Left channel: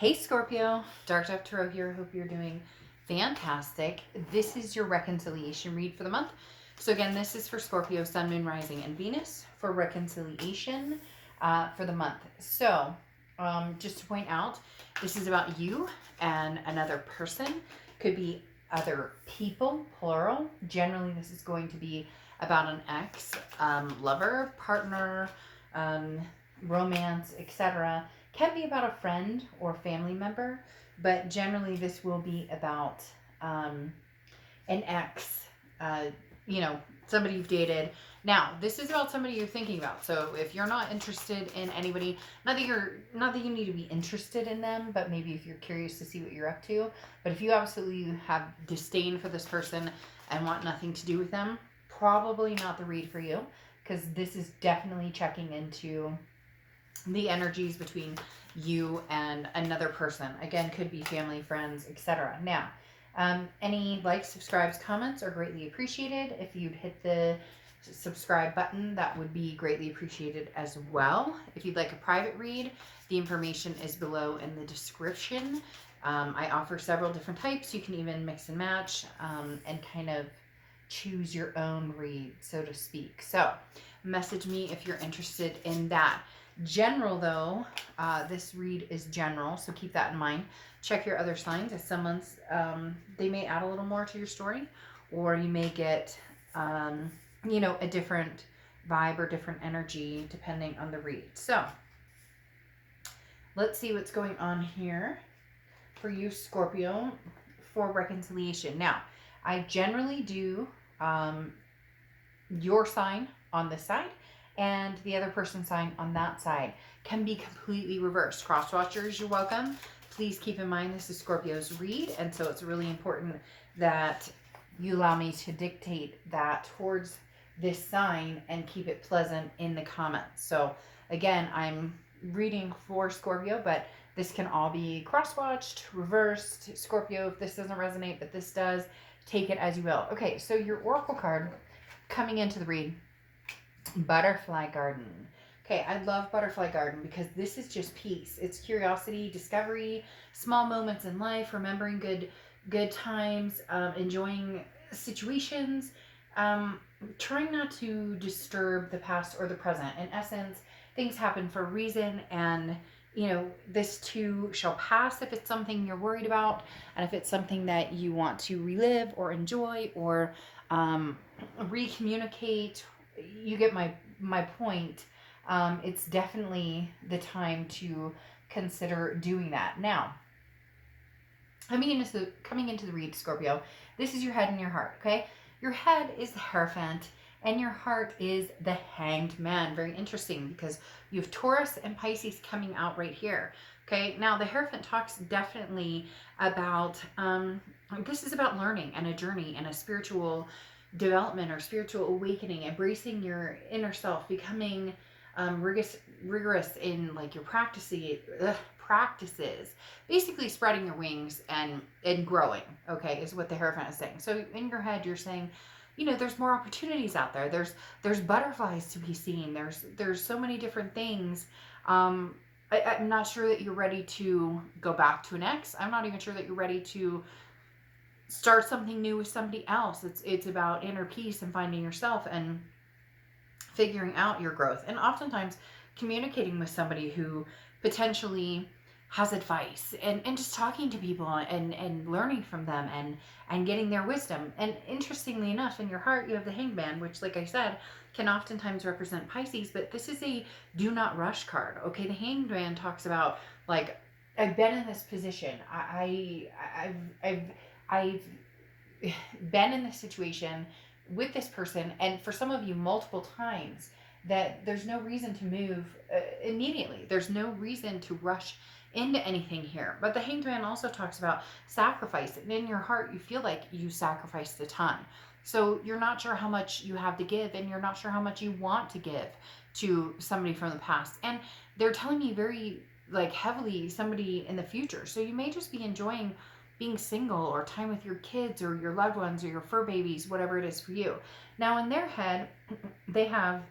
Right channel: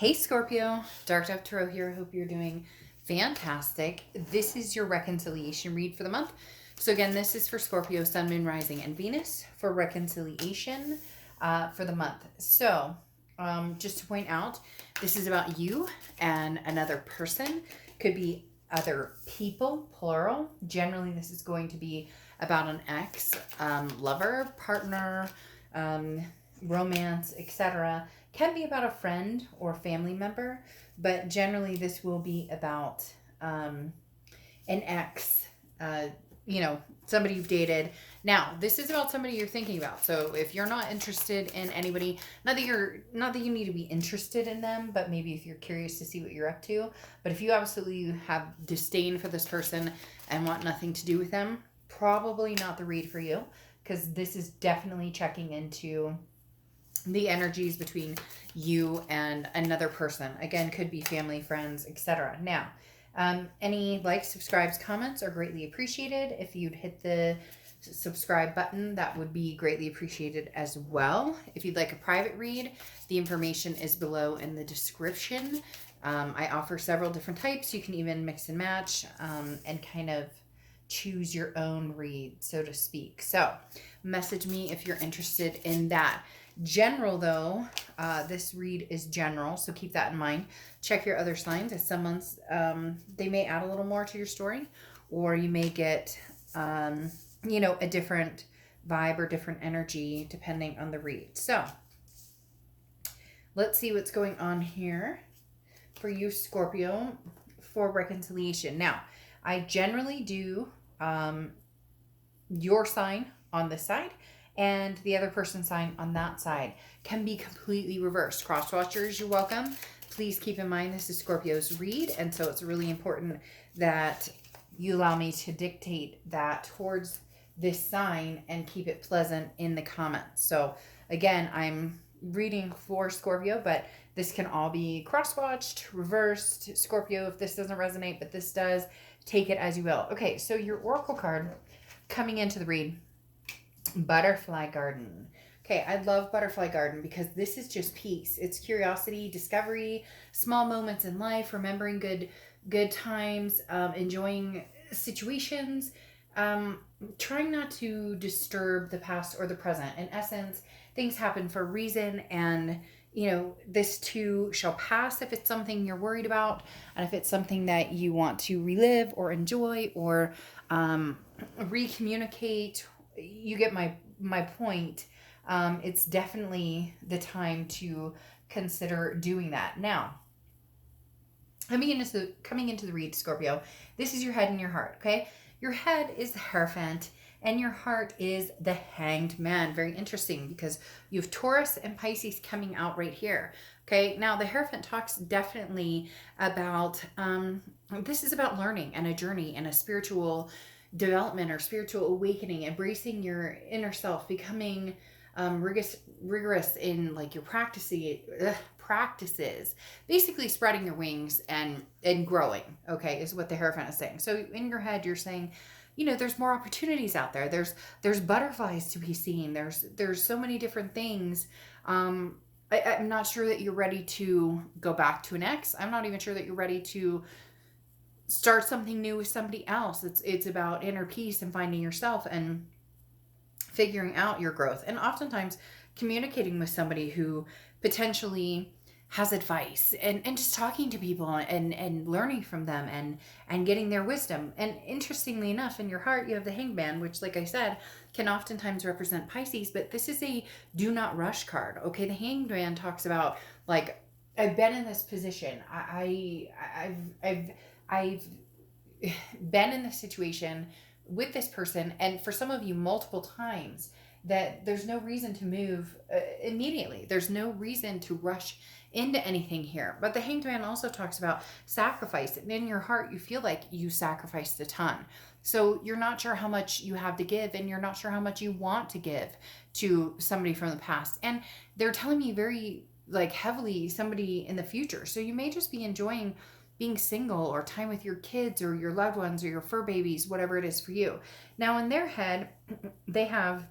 Hey Scorpio, Dark Dove Tarot here. Hope you're doing fantastic. This is your reconciliation read for the month. So again, this is for Scorpio, Sun, Moon, Rising, and Venus for reconciliation for the month. So just to point out, this is about you and another person. Could be other people, plural. Generally, this is going to be about an ex, lover, partner, romance, etc. Can be about a friend or family member, but generally this will be about an ex, somebody you've dated. Now, this is about somebody you're thinking about. So if you're not interested in anybody, not that you need to be interested in them, but maybe if you're curious to see what you're up to. But if you absolutely have disdain for this person and want nothing to do with them, probably not the read for you, because this is definitely checking into the energies between you and another person. Again, could be family, friends, etc. Now, any likes, subscribes, comments are greatly appreciated. If you'd hit the subscribe button, that would be greatly appreciated as well. If you'd like a private read, the information is below in the description. I offer several different types. You can even mix and match and kind of choose your own read, so to speak. So message me if you're interested in that. General, though, this read is general, so keep that in mind. Check your other signs. As some months, they may add a little more to your story, or you may get, a different vibe or different energy depending on the read. So let's see what's going on here for you, Scorpio, for reconciliation. Now, I generally do your sign on this side and the other person's sign on that side. Can be completely reversed. Cross watchers, you're welcome. Please keep in mind this is Scorpio's read, and so it's really important that you allow me to dictate that towards this sign and keep it pleasant in the comments. So again, I'm reading for Scorpio, but this can all be cross-watched, reversed. Scorpio, if this doesn't resonate, but this does, take it as you will. Okay, so your oracle card coming into the read, Butterfly Garden. Okay, I love Butterfly Garden because this is just peace. It's curiosity, discovery, small moments in life, remembering good times, enjoying situations, trying not to disturb the past or the present. In essence, things happen for a reason, and this too shall pass if it's something you're worried about, and if it's something that you want to relive or enjoy or recommunicate. You get my point. It's definitely the time to consider doing that. Now, coming into the read, Scorpio, this is your head and your heart, okay? Your head is the Hierophant, and your heart is the Hanged Man. Very interesting, because you have Taurus and Pisces coming out right here. Okay, now the Hierophant talks definitely about, this is about learning and a journey and a spiritual development or spiritual awakening, embracing your inner self, becoming rigorous in like your practices, basically spreading your wings and growing, okay, is what the Hierophant is saying. So in your head, you're saying, there's more opportunities out there. There's butterflies to be seen. There's so many different things. I'm not sure that you're ready to go back to an ex. I'm not even sure that you're ready to start something new with somebody else. It's about inner peace and finding yourself and figuring out your growth, and oftentimes communicating with somebody who potentially has advice, and just talking to people and learning from them and getting their wisdom. And interestingly enough, in your heart you have the Hanged Man, which, like I said, can oftentimes represent Pisces, but this is a do not rush card. Okay, the Hanged Man talks about, like, I've been in this position. I've been in this situation with this person, and for some of you multiple times, that there's no reason to move immediately. There's no reason to rush into anything here. But the Hanged Man also talks about sacrifice, and in your heart you feel like you sacrificed a ton. So you're not sure how much you have to give, and you're not sure how much you want to give to somebody from the past. And they're telling me very heavily somebody in the future. So you may just be enjoying being single, or time with your kids or your loved ones or your fur babies, whatever it is for you. Now in their head, they have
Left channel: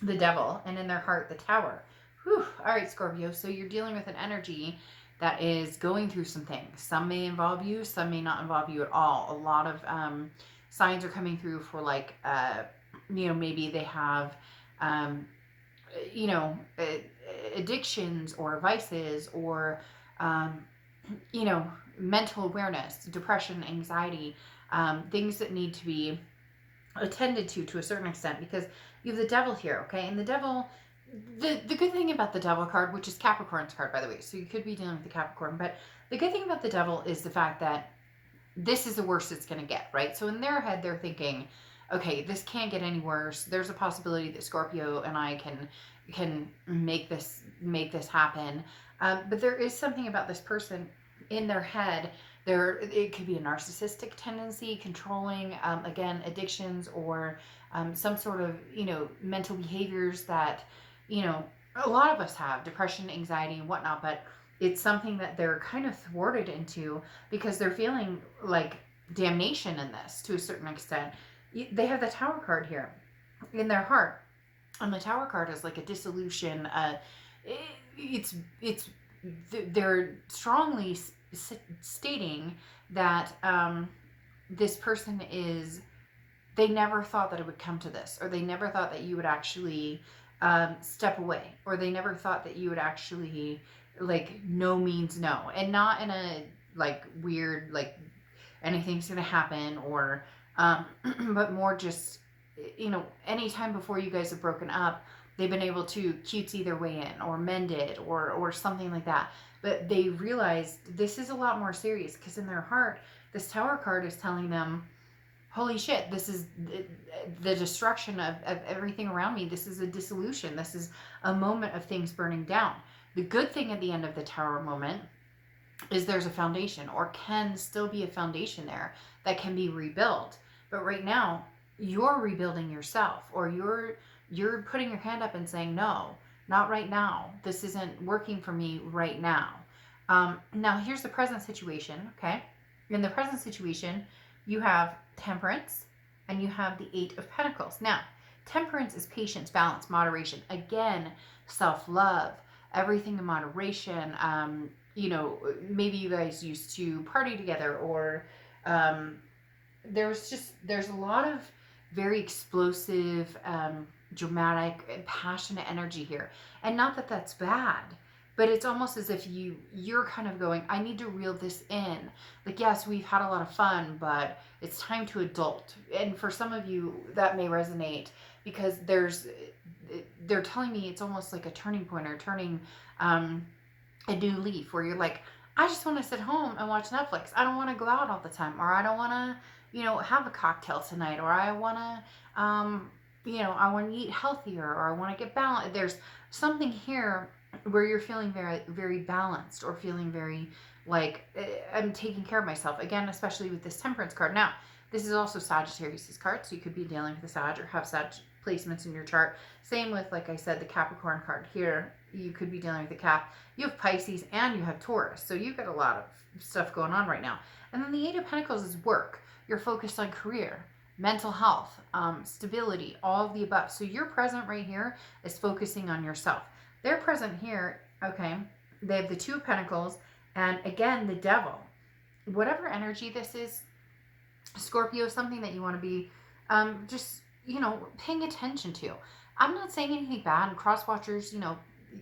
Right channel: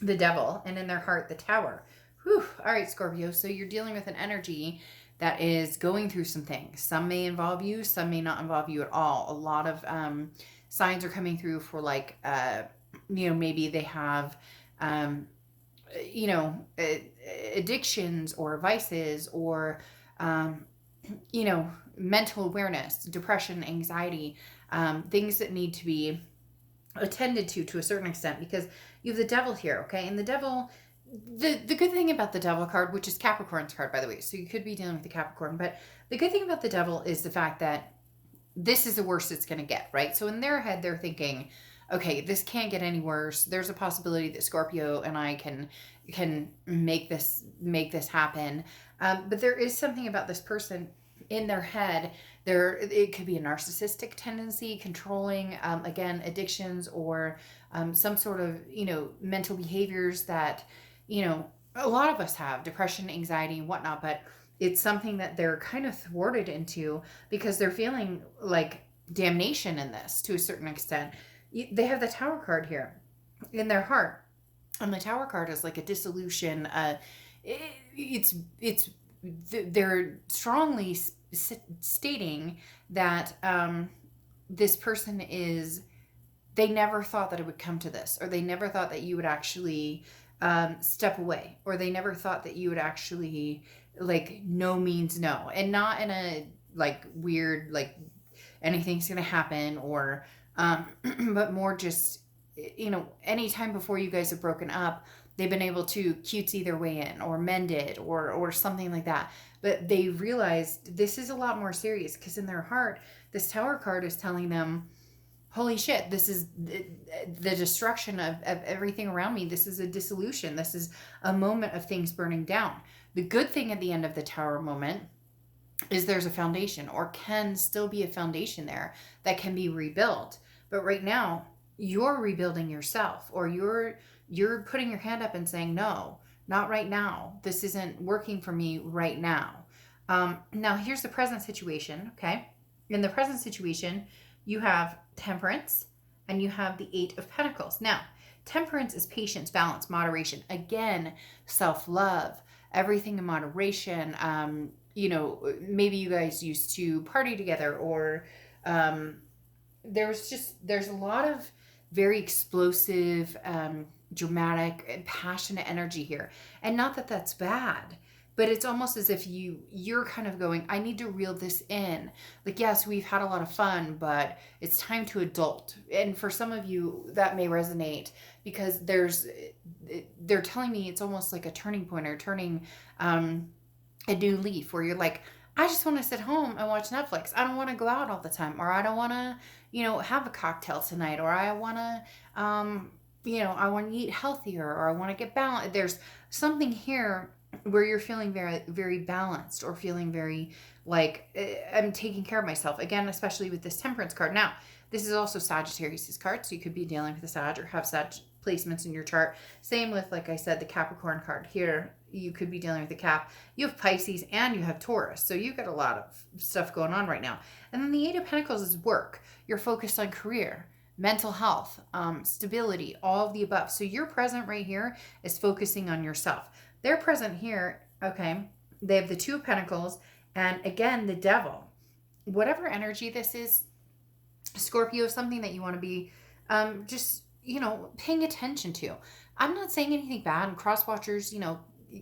the Devil, and in their heart, the Tower. Whew. All right, Scorpio. So you're dealing with an energy that is going through some things. Some may involve you, some may not involve you at all. A lot of signs are coming through for like, maybe they have, um, you know, addictions or vices or, um, mental awareness, depression, anxiety, things that need to be attended to a certain extent, because you have the devil here, okay? And the devil, the good thing about the devil card, which is Capricorn's card, by the way, so you could be dealing with the Capricorn, but the good thing about the devil is the fact that this is the worst it's going to get, right? So in their head, they're thinking, okay, this can't get any worse. There's a possibility that Scorpio and I can make this happen. But there is something about this person in their head. It could be a narcissistic tendency, controlling, again, addictions, or some sort of mental behaviors that a lot of us have, depression, anxiety, and whatnot. But it's something that they're kind of thwarted into because they're feeling like damnation in this to a certain extent. They have the Tower card here in their heart, and the Tower card is like a dissolution. They're strongly stating that this person they never thought that it would come to this, or they never thought that you would actually step away, or they never thought that you would actually, like, no means no, and not in a like weird like anything's gonna happen, or but more just anytime before you guys have broken up, they've been able to cutesy their way in or mend it or something like that. But they realized this is a lot more serious, because in their heart, this Tower card is telling them, holy shit, this is the destruction of everything around me. This is a dissolution. This is a moment of things burning down. The good thing at the end of the Tower moment is there's a foundation, or can still be a foundation there that can be rebuilt. But right now, you're rebuilding yourself, or you're putting your hand up and saying, no, not right now. This isn't working for me right now. Now, here's the present situation, okay? In the present situation, you have Temperance, and you have the Eight of Pentacles. Now, Temperance is patience, balance, moderation. Again, self-love, everything in moderation. Maybe you guys used to party together, or there's a lot of very explosive, dramatic, and passionate energy here. And not that that's bad, but it's almost as if you're kind of going, I need to reel this in. Like, yes, we've had a lot of fun, but it's time to adult. And for some of you, that may resonate, because they're telling me it's almost like a turning point, or turning a new leaf, where you're like, I just want to sit home and watch Netflix. I don't want to go out all the time, or I don't want to, have a cocktail tonight, or I want to, I want to eat healthier, or I want to get balanced. There's something here where you're feeling very, very balanced, or feeling very like, I'm taking care of myself. Again, especially with this Temperance card. Now, this is also Sagittarius' card, so you could be dealing with a Sag, or have Sag placements in your chart. Same with, like I said, the Capricorn card here. You could be dealing with the Cap. You have Pisces and you have Taurus, so you've got a lot of stuff going on right now. And then the Eight of Pentacles is work. You're focused on career, mental health, stability, all of the above. So your present right here is focusing on yourself. Their present here, okay, they have the Two of Pentacles, and again, the Devil. Whatever energy this is, Scorpio, something that you want to be just, paying attention to. I'm not saying anything bad. Cross watchers,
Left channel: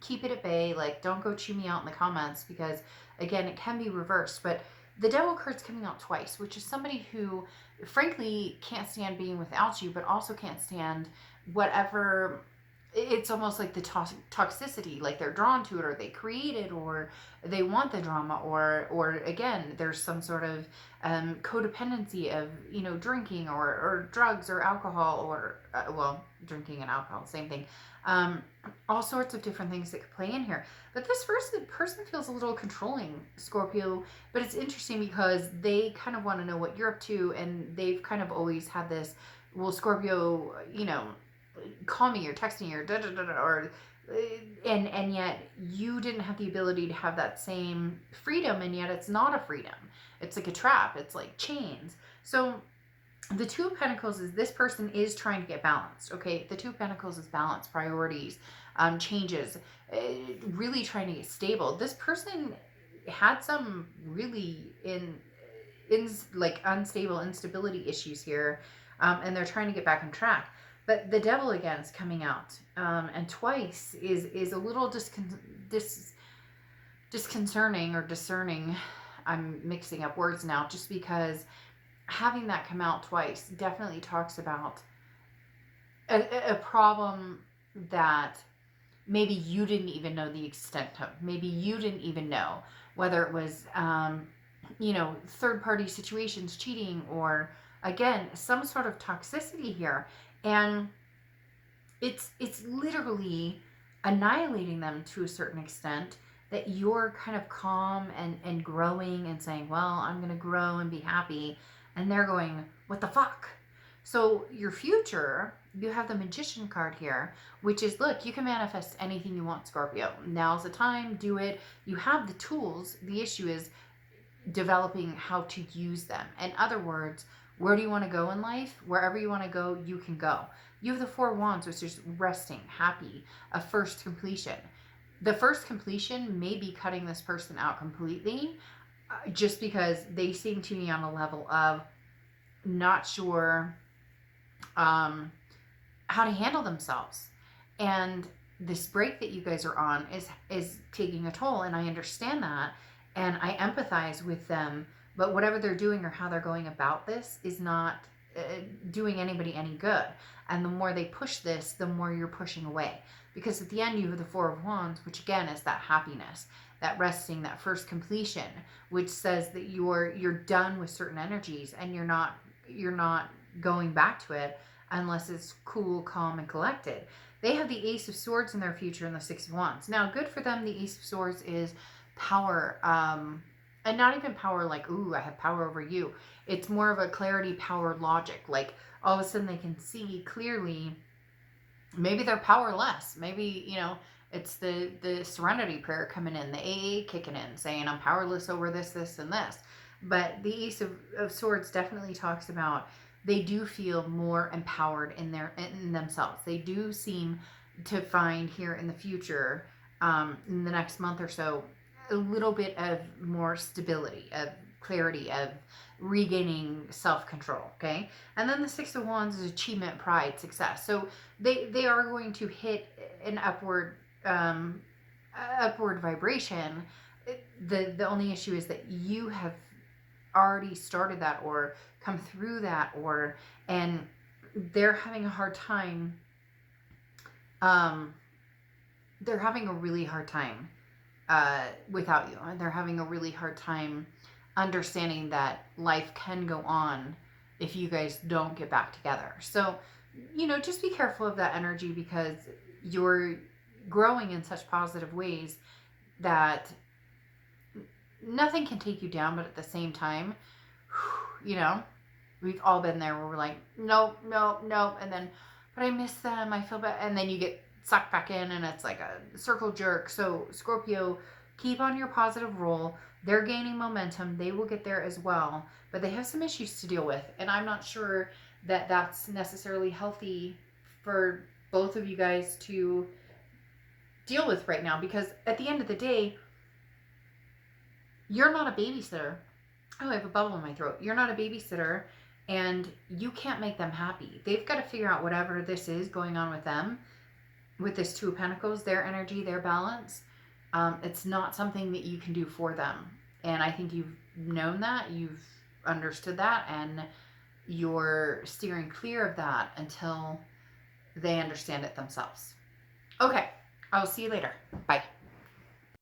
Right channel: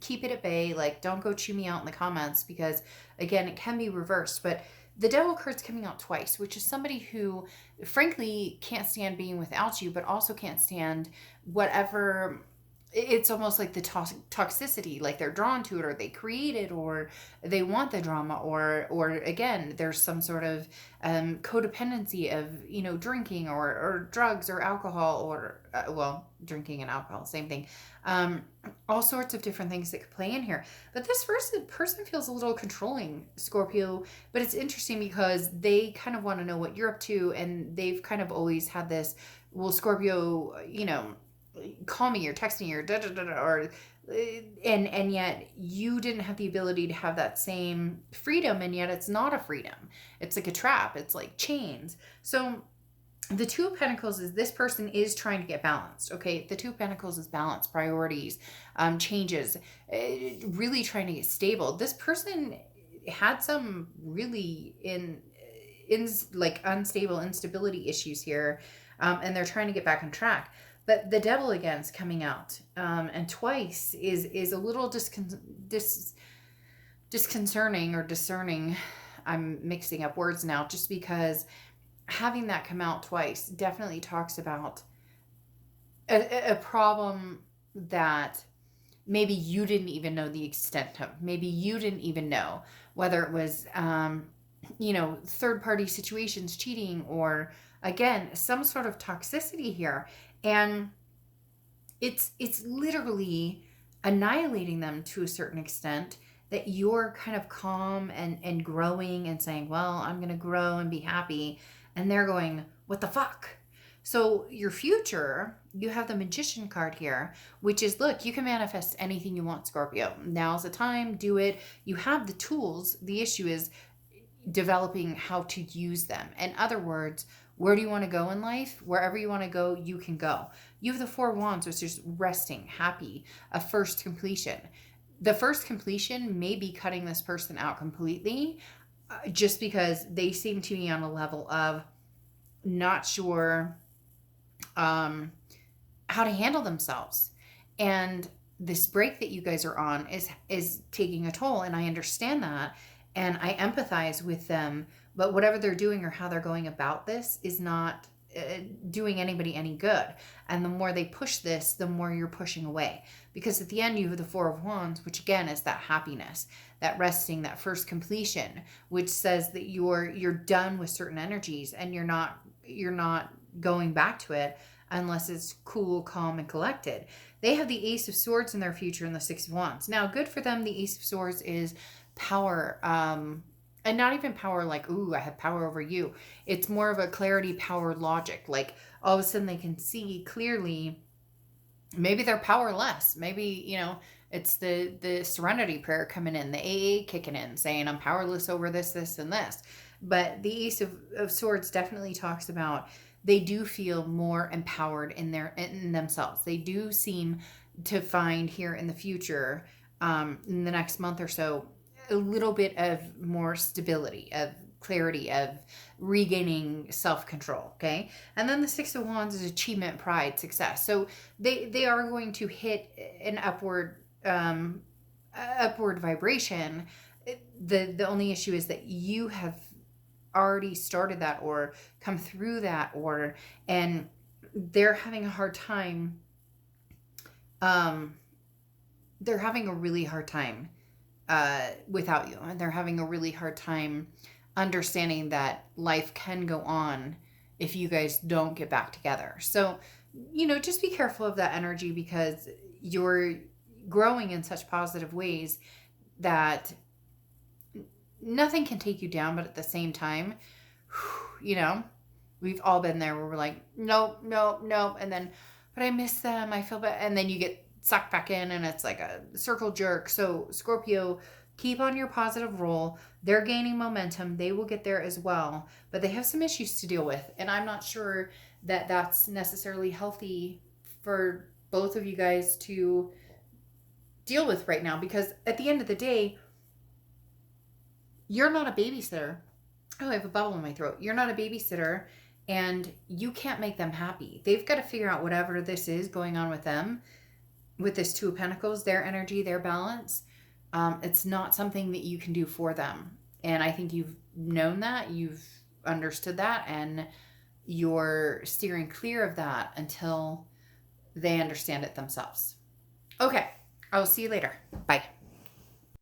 keep it at bay. Like, don't go chew me out in the comments, because, again, it can be reversed. But the Devil card's coming out twice, which is somebody who, frankly, can't stand being without you, but also can't stand whatever. It's almost like the toxicity, like they're drawn to it, or they create it, or they want the drama, or again, there's some sort of codependency of drinking, or drugs, or alcohol, or drinking and alcohol, same thing. All sorts of different things that could play in here. But this person feels a little controlling, Scorpio. But it's interesting because they kind of want to know what you're up to, and they've kind of always had this, well, Scorpio, call me or text me or da da da da, or and yet you didn't have the ability to have that same freedom, and yet it's not a freedom. It's like a trap. It's like chains. So the Two of Pentacles is, this person is trying to get balanced. Okay, the Two of Pentacles is balance, priorities, changes, really trying to get stable. This person, had some really like unstable instability issues here, and they're trying to get back on track. But the devil again is coming out, and twice is a little disconcerting or discerning. I'm mixing up words now, just because having that come out twice definitely talks about a problem that maybe you didn't even know the extent of. Maybe you didn't even know whether it was, third party situations, cheating, or again, some sort of toxicity here. And it's literally annihilating them to a certain extent, that you're kind of calm and growing and saying, well, I'm going to grow and be happy. And they're going, what the fuck? So your future, you have the Magician card here, which is, look, you can manifest anything you want, Scorpio. Now's the time, do it. You have the tools. The issue is developing how to use them. In other words, where do you want to go in life? Wherever you want to go, you can go. You have the Four of Wands, which is resting, happy, a first completion. The first completion may be cutting this person out completely, just because they seem to be on a level of not sure how to handle themselves. And this break that you guys are on is taking a toll, and I understand that, and I empathize with them. But whatever they're doing or how they're going about this is not doing anybody any good. And the more they push this, the more you're pushing away. Because at the end, you have the Four of Wands, which again is that happiness, that resting, that first completion, which says that you're done with certain energies, and you're not going back to it unless it's cool, calm, and collected. They have the Ace of Swords in their future and the Six of Wands. Now, good for them. The Ace of Swords is power, and not even power like, ooh, I have power over you. It's more of a clarity, power, logic. Like, all of a sudden they can see clearly. Maybe they're powerless. Maybe, it's the serenity prayer coming in, the AA kicking in, saying I'm powerless over this, this, and this. But the Ace of Swords definitely talks about they do feel more empowered in themselves. They do seem to find here in the future, in the next month or so, a little bit of more stability, of clarity, of regaining self-control. Okay. And then the Six of Wands is achievement, pride, success. So they are going to hit an upward vibration. The only issue is that you have already started that or come through that, and they're having a hard time. They're having a really hard time without you, and they're having a really hard time understanding that life can go on if you guys don't get back together. So, just be careful of that energy, because you're growing in such positive ways that nothing can take you down. But at the same time, we've all been there where we're like, nope, nope, nope. And then, but I miss them. I feel bad. And then you get sucked back in, and it's like a circle jerk. So Scorpio, keep on your positive roll. They're gaining momentum. They will get there as well, but they have some issues to deal with. And I'm not sure that that's necessarily healthy for both of you guys to deal with right now, because at the end of the day, you're not a babysitter. Oh, I have a bubble in my throat. You're not a babysitter, and you can't make them happy. They've got to figure out whatever this is going on with them, with this Two of Pentacles, their energy, their balance. It's not something that you can do for them. And I think you've known that, you've understood that, and you're steering clear of that until they understand it themselves. Okay, I will see you later. Bye.